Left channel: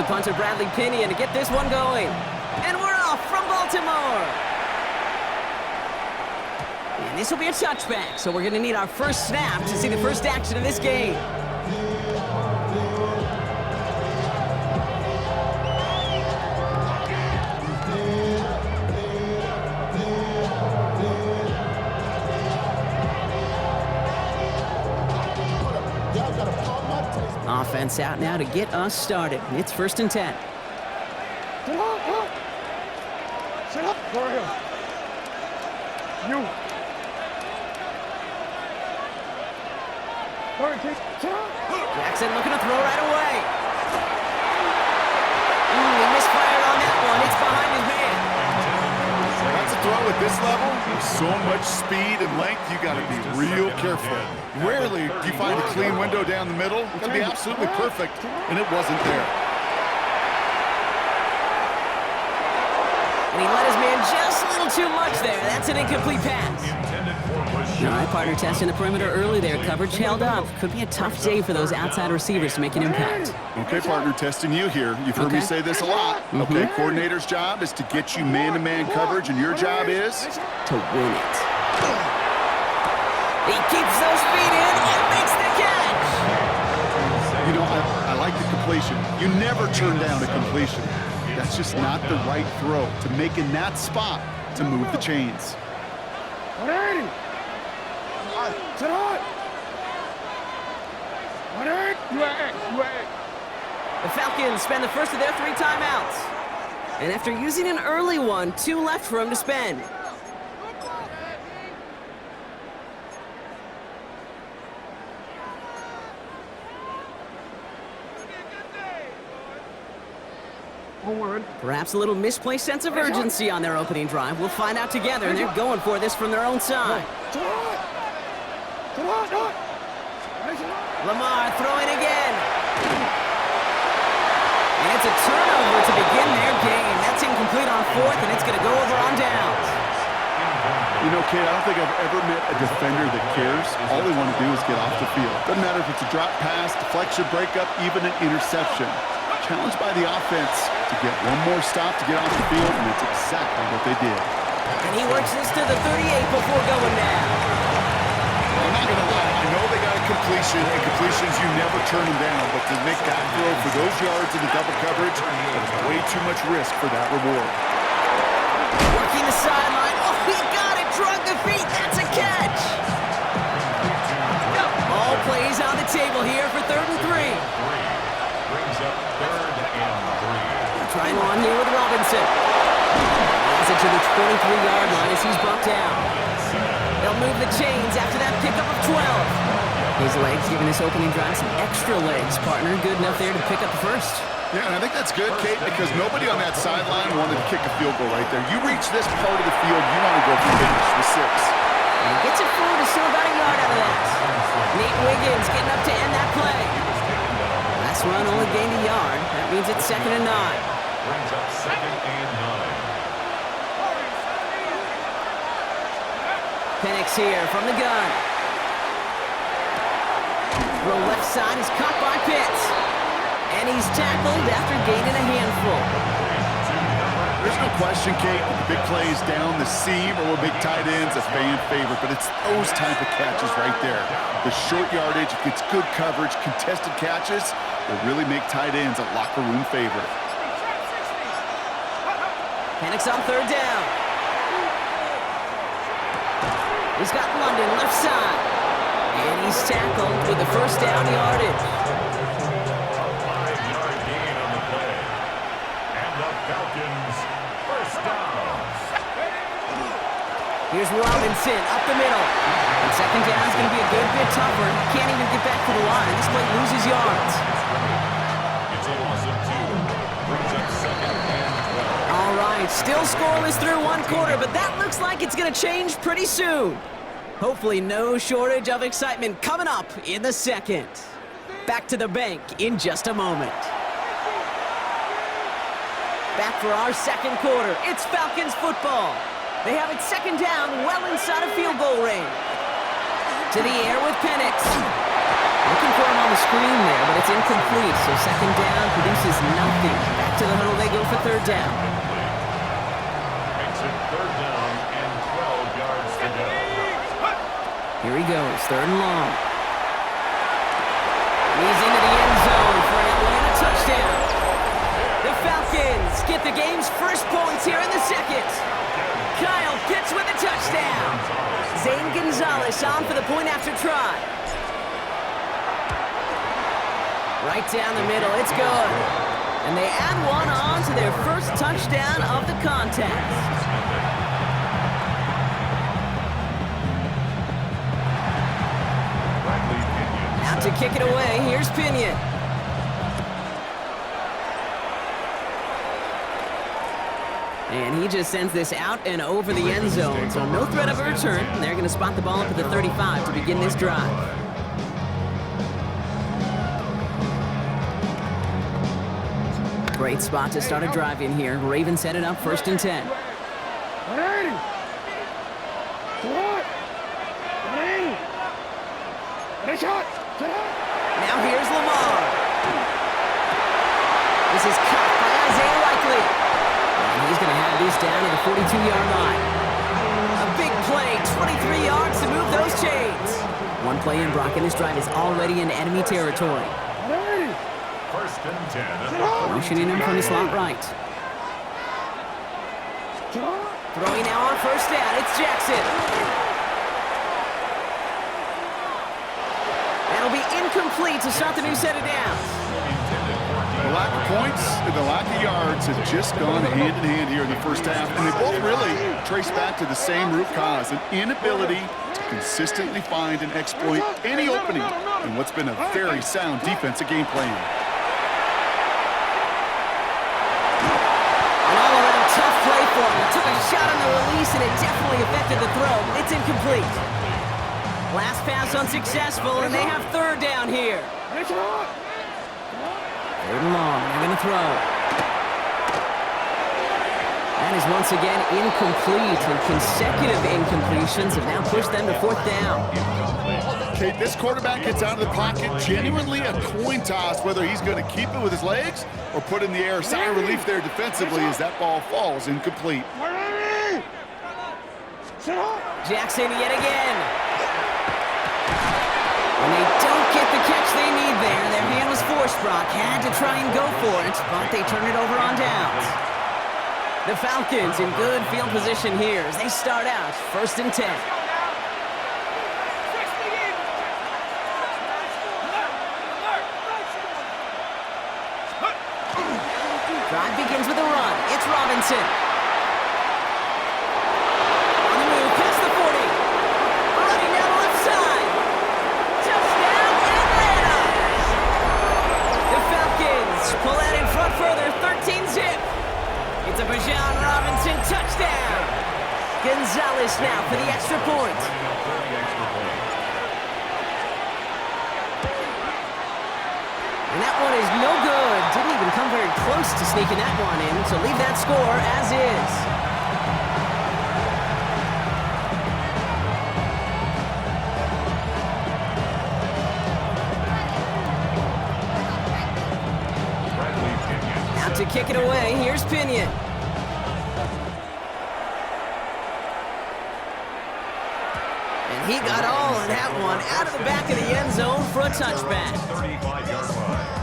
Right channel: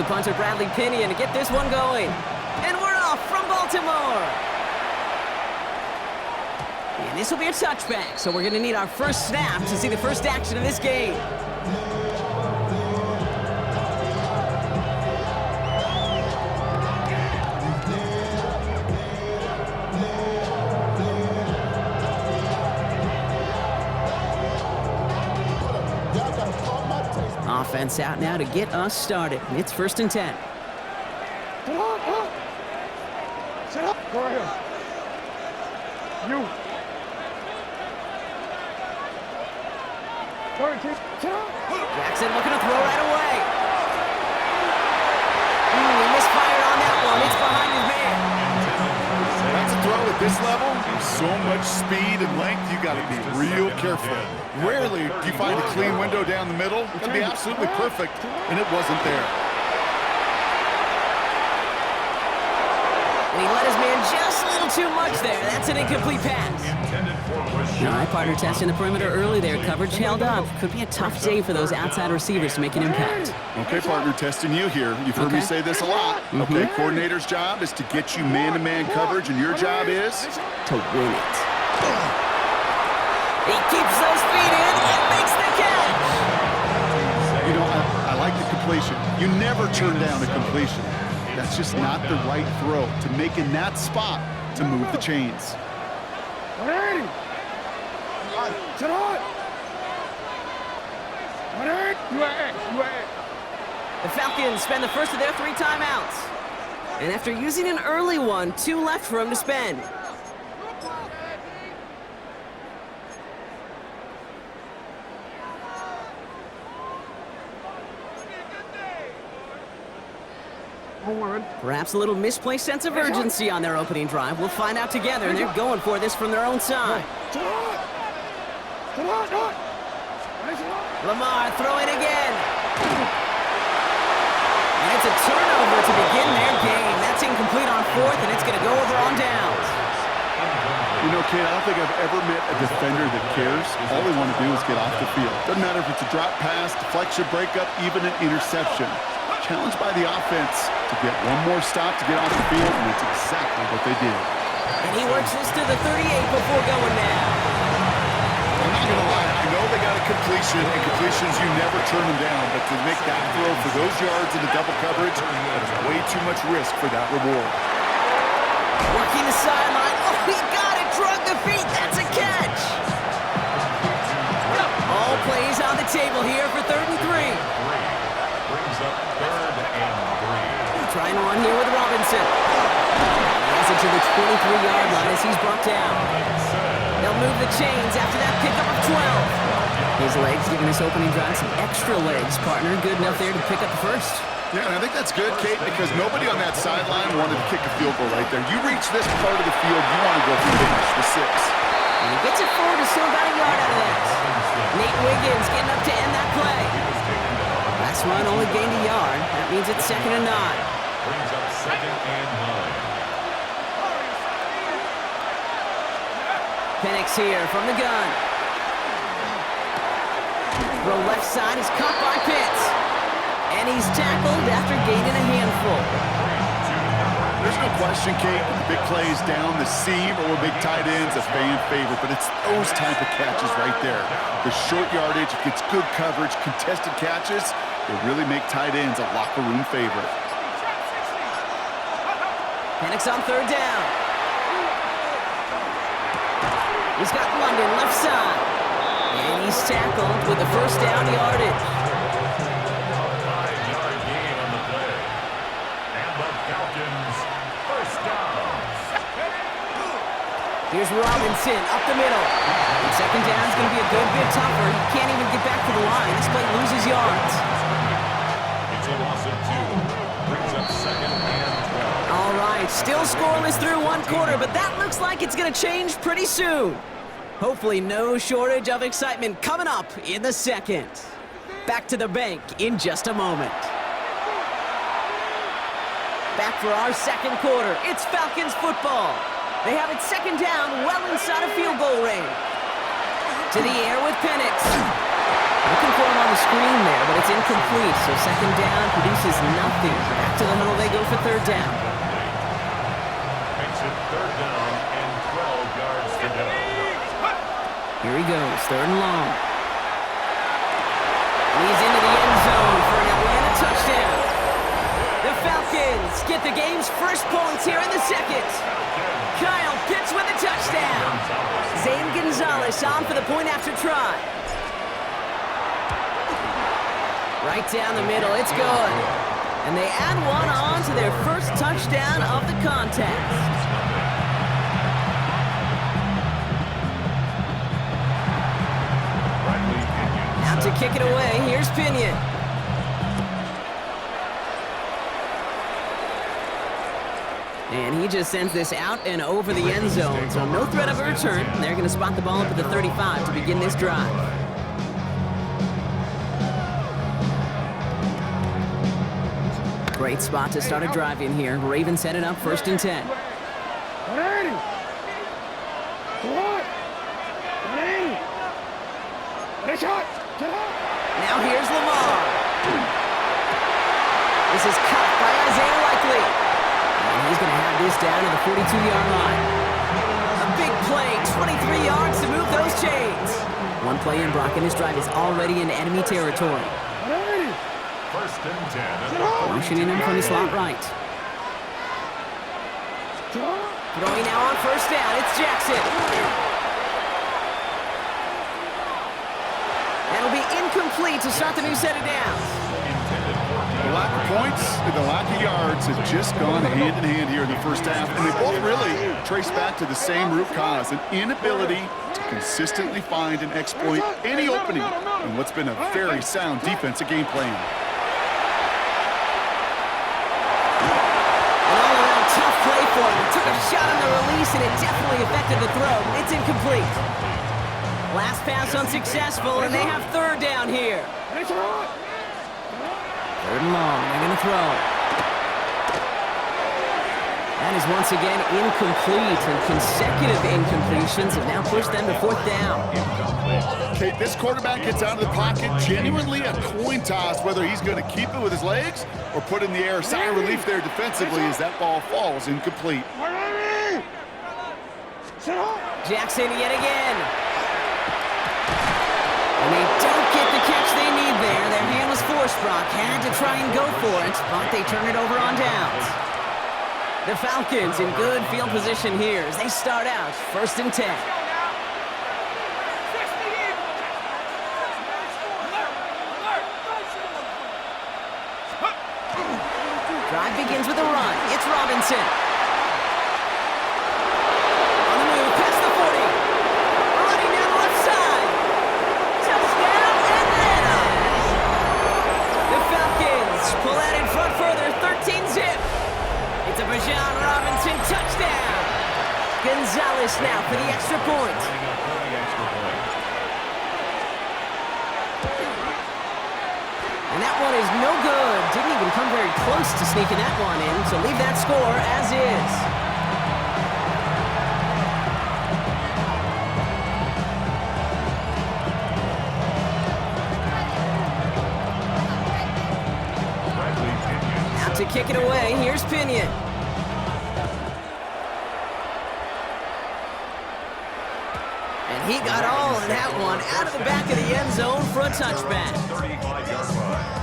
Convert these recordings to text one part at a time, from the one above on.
the punter Bradley Pinion to get this one going. And we're off from Baltimore. And this will be a touchback, so we're going to need our first snap to see the first action of this game. Offense out now to get us started. It's 1st and 10. Sit up! Sit up! Go right here. You. Sorry, kid. Sit up! Jackson looking to throw right away. He misfired on that one. It's behind his man. That's a throw at this level. With so much speed and length, you got to be real careful. Rarely do you find a clean window down the middle. It can be absolutely perfect, and it wasn't there. And he let his man just a little too much there. That's an incomplete pass. All right, partner testing the perimeter early there. Coverage held up. Could be a tough day for those outside receivers to make an impact. Okay, partner, testing you here. You've heard me say this a lot. Okay, coordinator's job is to get you man-to-man coverage, and your job is to win it. He keeps those feet in and makes the catch. You know, I like the completion. You never turn down a completion. That's just not the right throw to make in that spot to move the chains. 180! Sit on! 180! You at. The Falcons spend the first of their 3 timeouts. And after using an early one, 2 left for him to spend. Perhaps a little misplaced sense of urgency on their opening drive. We'll find out together, and they're going for this from their own side. Lamar throwing again. And it's a turnover to begin their game. That's incomplete on 4th, and it's going to go over on downs. You know, Kate, I don't think I've ever met a defender that cares. All they want to do is get off the field. Doesn't matter if it's a drop pass, deflection, breakup, even an interception. Challenged by the offense to get one more stop to get off the field, and that's exactly what they did. And he works this to the 38 before going down. I'm not going to lie, I know they got a completion, and completions, you never turn them down, but to make that throw for those yards in the double coverage, that is way too much risk for that reward. Working the sideline. Oh, he got it. Drug the feet. That's a catch. All plays on the table here for 3rd and 3. Brings up 3rd and 3. Trying one here with Robinson. He has it to the 23-yard line as he's brought down. They'll move the chains after that pickup of 12. His legs giving this opening drive some extra legs, partner. Good enough there to pick up the first. Yeah, and I think that's good, Kate, because nobody on that sideline wanted to kick a field goal right there. You reach this part of the field, you want to go for finish with 6. And he gets it forward to still about a yard out of that. Nate Wiggins getting up to end that play. Last run only gained a yard. That means it's 2nd and 9. Brings up 2nd and 9. Penix here from the gun. Throw left side is caught by Pitts. And he's tackled after gaining a handful. There's no question, Kate, the big plays down the seam or big tight ends, a fan favorite, but it's those type of catches right there. The short yardage, gets good coverage, contested catches, will really make tight ends a locker room favorite. Penix on 3rd down. He's got London left side. And he's tackled with the first down yardage. A 5-yard gain on the play. And the Falcons, first down. Here's Robinson up the middle. And 2nd down is going to be a good bit tougher. He can't even get back to the line. This play loses yards. It's a loss of 2. Brings up 2nd and 12. All right, still scoreless through 1 quarter, but that looks like it's going to change pretty soon. Hopefully no shortage of excitement coming up in the 2nd. Back to the bank in just a moment. Back for our 2nd quarter. It's Falcons football. They have it 2nd down, well inside of field goal range. To the air with Penix. Looking for him on the screen there, but it's incomplete. So second down produces nothing. Back to the huddle they go for third down. Makes it third down and 12 yards to go. Here he goes, third and long. He's into the end zone for an Atlanta touchdown. The Falcons get the game's first points here in the second. Kyle Pitts with a touchdown. Zane Gonzalez on for the point after try. Right down the middle, it's good. And they add one on to their first touchdown of the contest. Out to kick it away, here's Pinion. And he just sends this out and over the end zone, so no threat of a return. They're going to spot the ball up at the 35 to begin this drive. Great spot to start a drive in here. Ravens set it up first and 10. 180. What? 180. Get a shot. Get up. Now here's Lamar. This is cut by Isaiah Likely. And he's going to have this down to the 42-yard line. A big play, 23 yards to move those chains. One play in, Brock, and this drive is already in enemy territory. 180. First and 10. Motioning him from the slot right. Throwing now on first down, it's Jackson. That'll be incomplete to start the new set of downs. The lack of points and the lack of yards have just gone hand in hand here in the first half, and they both really trace back to the same root cause, an inability to consistently find and exploit any opening in what's been a very sound defensive game plan. An all-around tough play for him. He took a shot on the release, and it definitely affected the throw. It's incomplete. Last pass unsuccessful, and they have third down here. Third and long, they're going to throw. That is once again incomplete, and consecutive incompletions have now pushed them to fourth down. Kate, this quarterback gets out of the pocket, genuinely a coin toss, whether he's going to keep it with his legs or put in the air. Sigh of relief there defensively as that ball falls incomplete. Jackson yet again. When they don't get the catch they need there, their hand was forced. Brock had to try and go for it, but they turn it over on downs. The Falcons in good field position here as they start out first and 10. Drive begins with a run. It's Robinson. On the move, past the 40. Running down the left side. Touchdown, Atlanta! The Falcons pull out in front further, 13-zip. It's a Bijan Robinson touchdown. Gonzalez now for the extra point. And that one is no good. Didn't even come very close to sneaking that one in, so leave that score as is. Out to kick it away, here's Pinion. And he got all of that one out of the back of the end zone for a touchback. 35-yard line.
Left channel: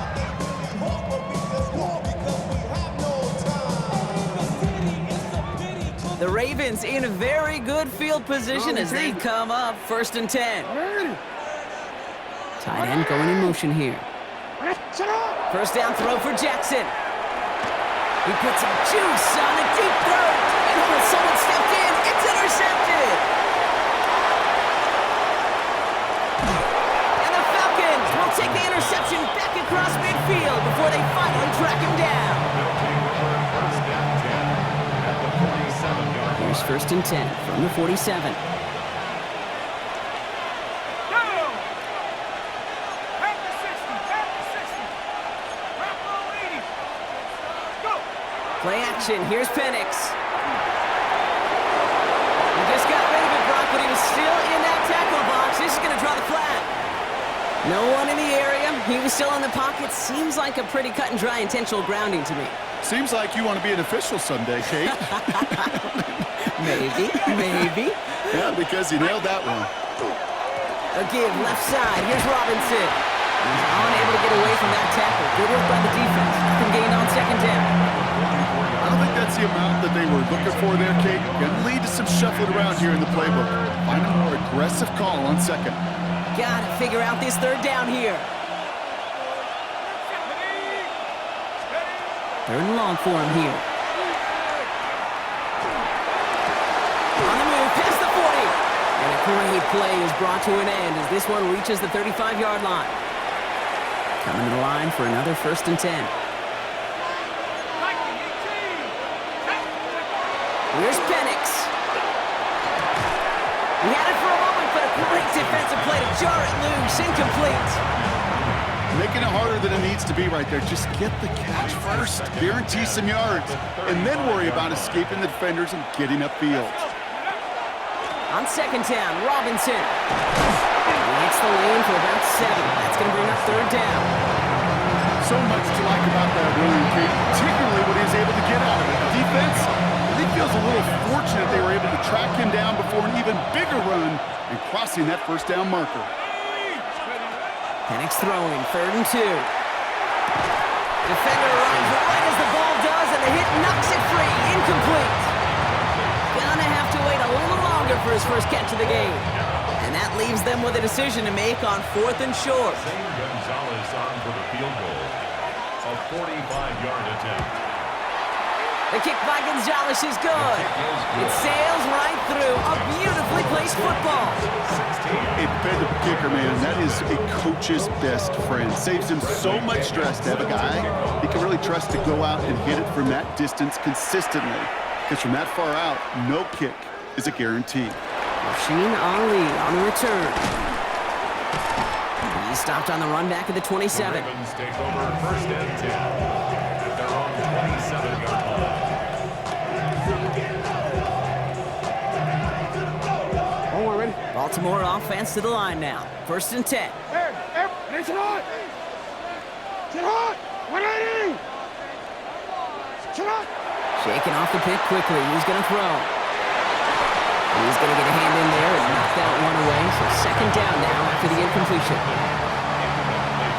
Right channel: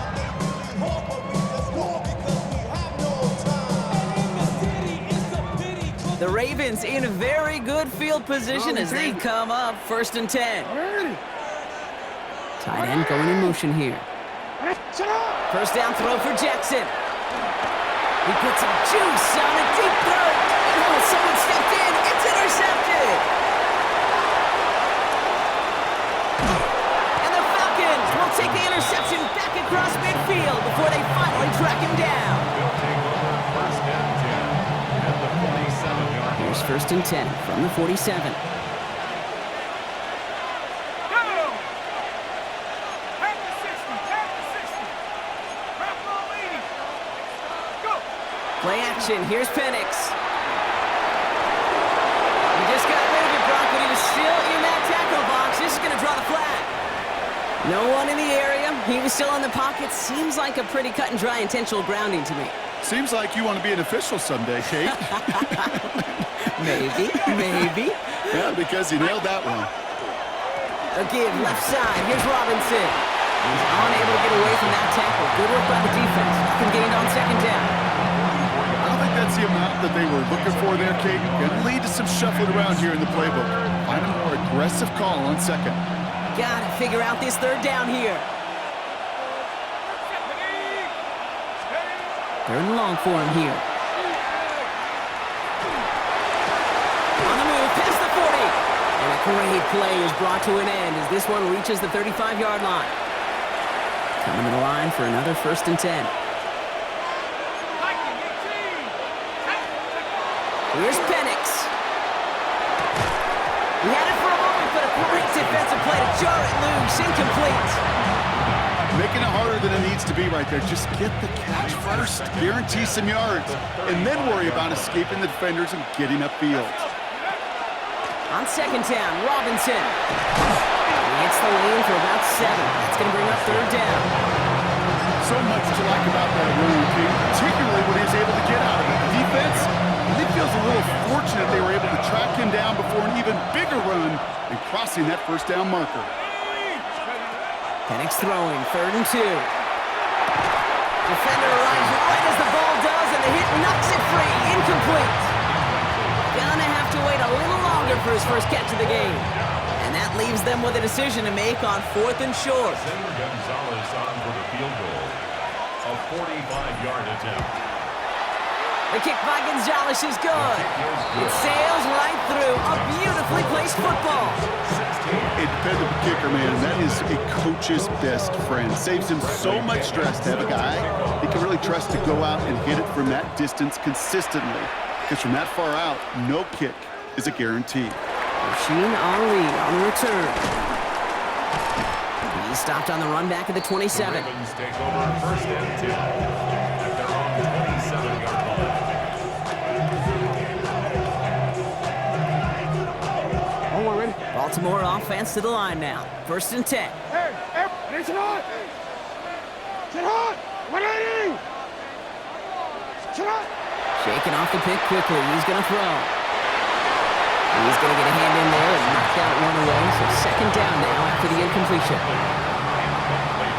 The Ravens in very good field position as they come up first and 10. Tight end going in motion here. First down throw for Jackson. He puts some juice on a deep throw. And oh, someone stepped in. It's intercepted. And the Falcons will take the interception back across midfield before they finally track him down. They'll take over first and 10 at the 47-yard line. Here's first and 10 from the 47. Play action, here's Penix. He just got rid of it, Brock, but he was still in that tackle box. This is going to draw the flag. No one in the area. He was still in the pocket. Seems like a pretty cut and dry intentional grounding to me. Seems like you want to be an official someday, Kate. Maybe. Yeah, because you nailed that one. A give, left side. Here's Robinson. He's unable to get away from that tackle. Good work by the defense. Nothing gained on second down. I don't think that's the amount that they were looking for there, Kate. Going to lead to some shuffling around here in the playbook. Find a more aggressive call on second. Gotta figure out this third down here. Third and long for him here. On the move, past the 40. And a great play is brought to an end as this one reaches the 35-yard line. Coming to the line for another 1st and 10. Here's Penix. He had it for a moment, but a great defensive play to jar it loose. Incomplete. Making it harder than it needs to be right there. Just get the catch first. Guarantee some yards. And then worry about escaping the defenders and getting upfield. On second down, Robinson. He hits the lane for about 7. That's going to bring up third down. So much to like about that run, Kate, particularly what he was able to get out of it. The defense, I think, feels a little fortunate they were able to track him down before an even bigger run and crossing that first down marker. Penix throwing, 3rd and 2. Defender arrives right as the ball does, and the hit knocks it free. Incomplete. Gonna have to wait a little longer for his first catch of the game. And that leaves them with a decision to make on 4th and short. Zane Gonzalez on for the field goal. A 45-yard attempt. The kick by Gonzalez is good. It sails right through a beautifully placed football. A dependable kicker, man. That is a coach's best friend. Saves him so much stress to have a guy he can really trust to go out and hit it from that distance consistently. Because from that far out, no kick is a guarantee. Rasheen Ali on the return. He's stopped on the run back at the 27. The Ravens take over 1st and 10 at their own 27-yard line. Oh, ready? Baltimore offense to the line now. 1st and 10. Hey, it's hot! Sit hot! 180! Sit hot! Shaking off the pick quickly. He's going to throw. He's going to get a hand in there and knock that one away. So 2nd down now after the incompletion. Incomplete.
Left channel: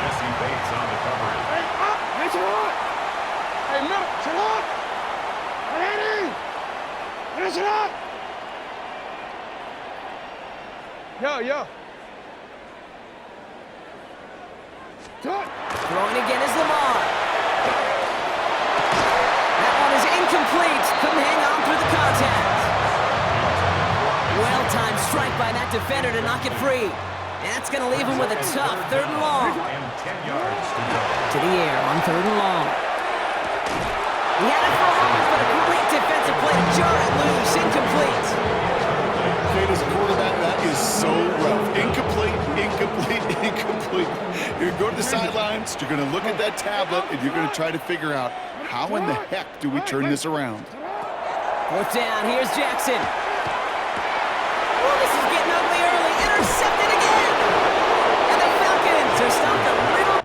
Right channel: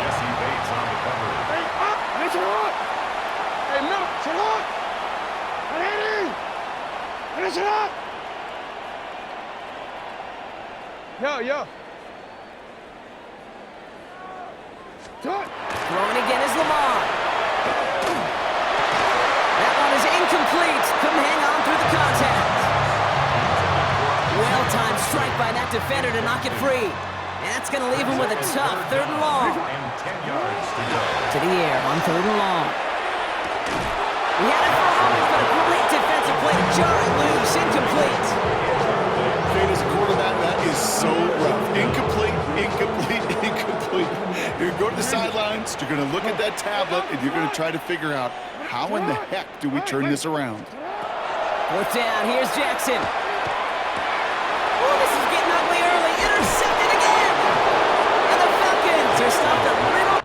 Jesse Bates on the coverage. Hey, up! It's hot! Hey, middle! Sit hot! 180! And it's hot! Yo. Sit! Throwing again is Lamar. That one is incomplete. Couldn't hang on through the contact. Well-timed strike by that defender to knock it free. And that's going to leave him with a tough 3rd and long. And 10 yards to go. To the air on 3rd and long. He had it for a moment, but a great defensive play to jar it loose. Incomplete. Kate, as a quarterback, that is so rough. Incomplete. You're going to go to the sidelines, you're going to look at that tablet, and you're going to try to figure out how in the heck do we turn this around. 4th down, here's Jackson. Oh, this is getting ugly early. Intercepted again. And the Falcons are stopped a little